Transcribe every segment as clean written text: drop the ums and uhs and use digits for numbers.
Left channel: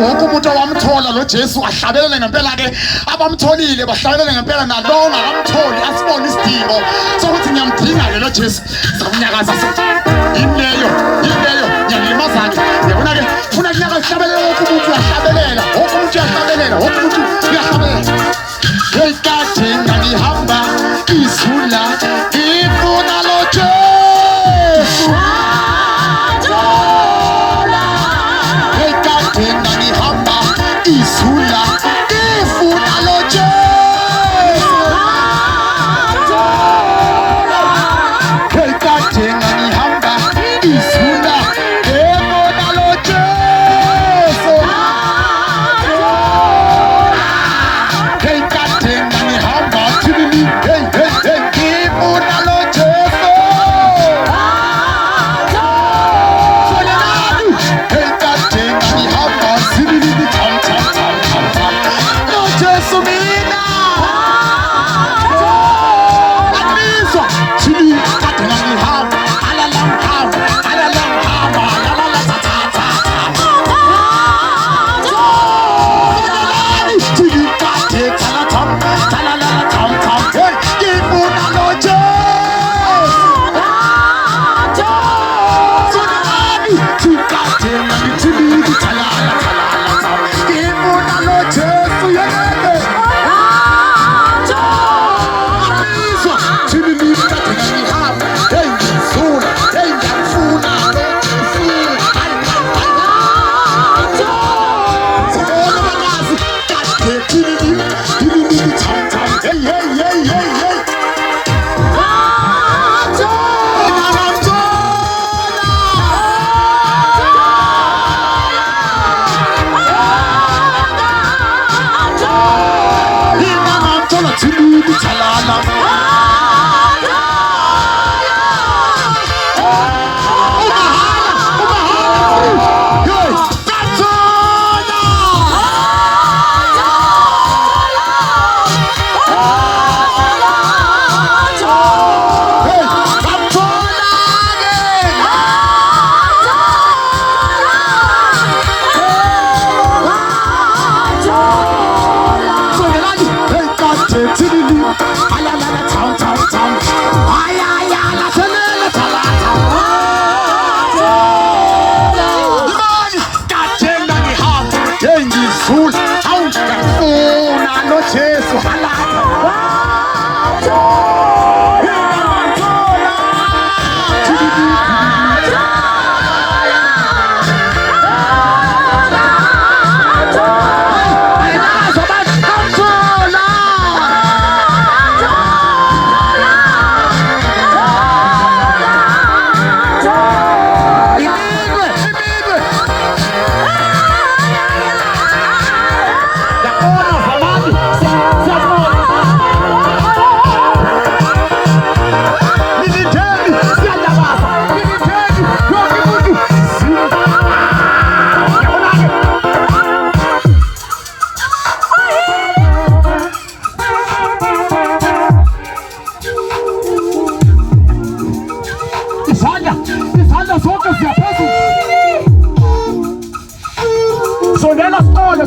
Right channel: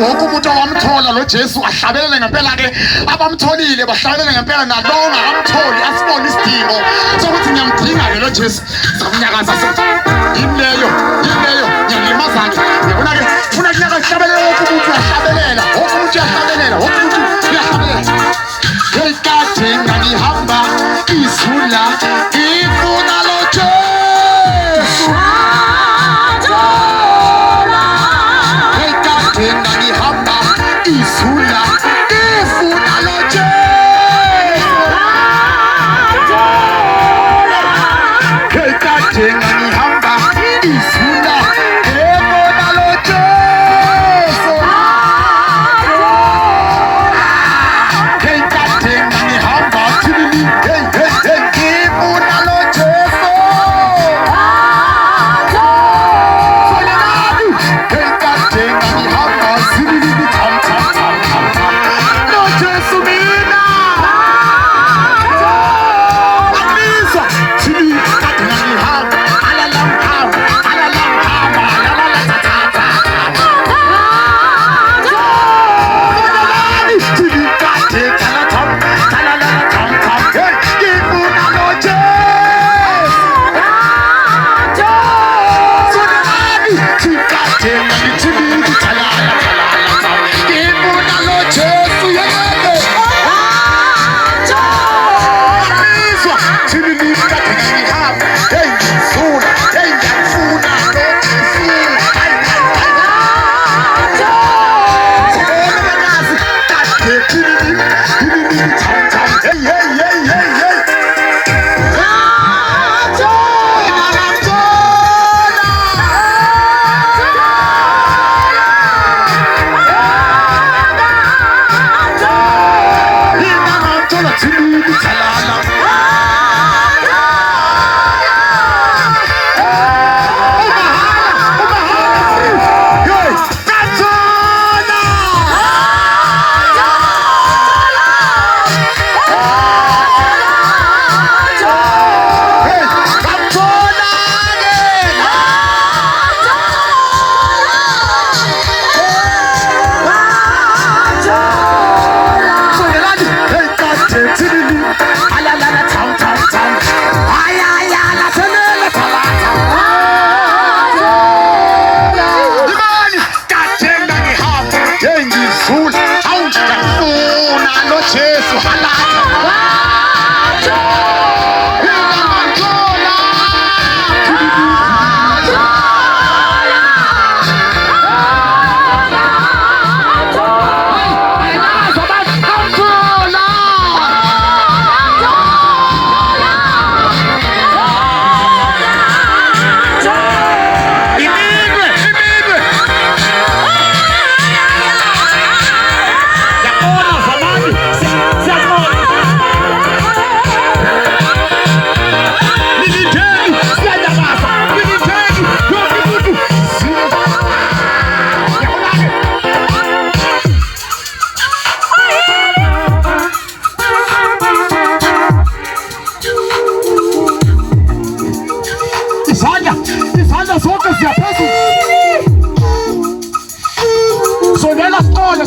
wonke umuntu owamthola lo Jesu ahlabelele ngempela ke abamtholile bahlabelele ngempela nalona amtholi asibone isidingo sokuthi ngiyamdinga ke lo Jesu sakunyakaza yileyo ngiyalimaza ke yabona ke funa kunyaka hlabelele wonke umuntu uyahlabelela wonke umuntu uyahlabelela wonke umuntu uyahlabelela ekade ngihamba isula ngifuna lo Jesu ekade ngihamba isula ngifuna lo Jesu ekade ngihamba isula ngifuna lo Jesu ekade ngihamba thini ngifuna lo Jesu ekade ngihamba thini tam lo Jesu mina amiswa thini ekade ngihamba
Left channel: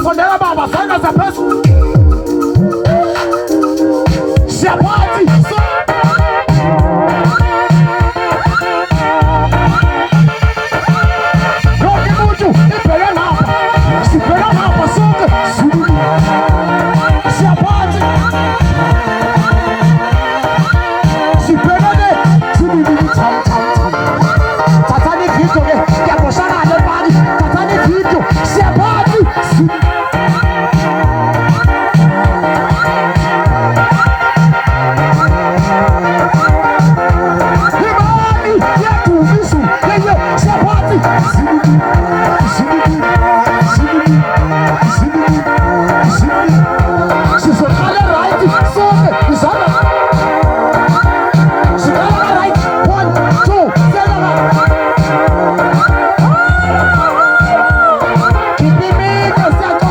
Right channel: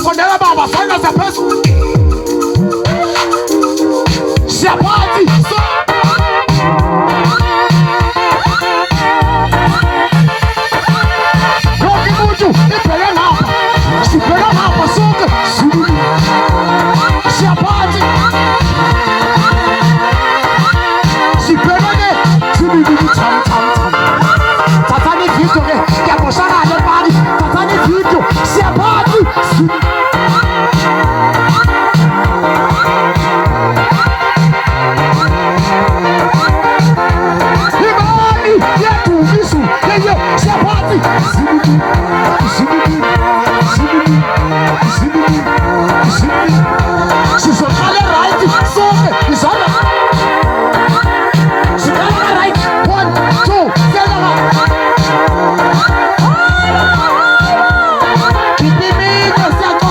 sondela baba sanga za pesu Shabati Roki mutu ipele hapa Sipele hapa soka Shabati Sipele ne Sibidi tam tam tam Tatani vito ne Yabo sana ale bari Tatani vito Shabati Keep me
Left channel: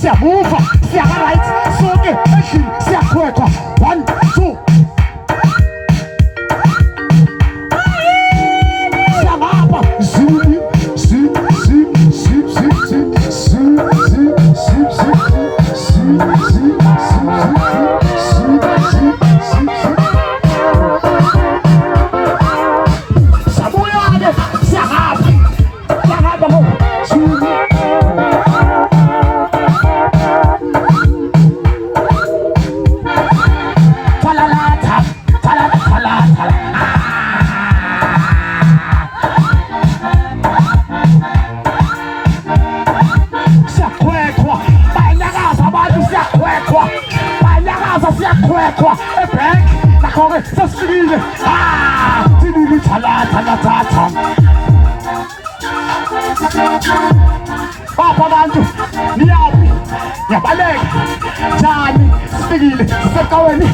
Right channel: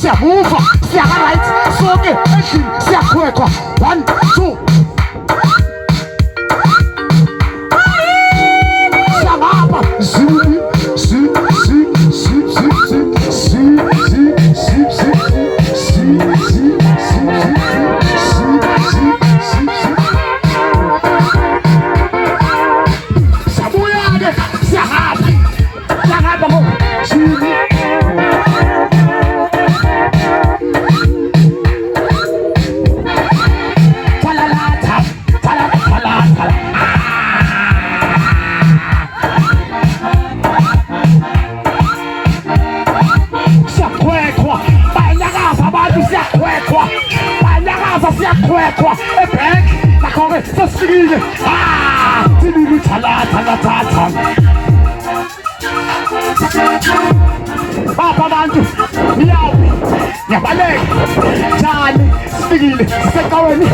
siyamuva siyaka-right soke endlini siyakhwekhwa 1 2 siyangapha zip zip zip zip zip zip zip zip zip siyakhwekhwa ebhank nakho-ke sesifikile silili thalathalathatha bapha abantu niyaphi ngiyabaleka njani sifikile sisecaweni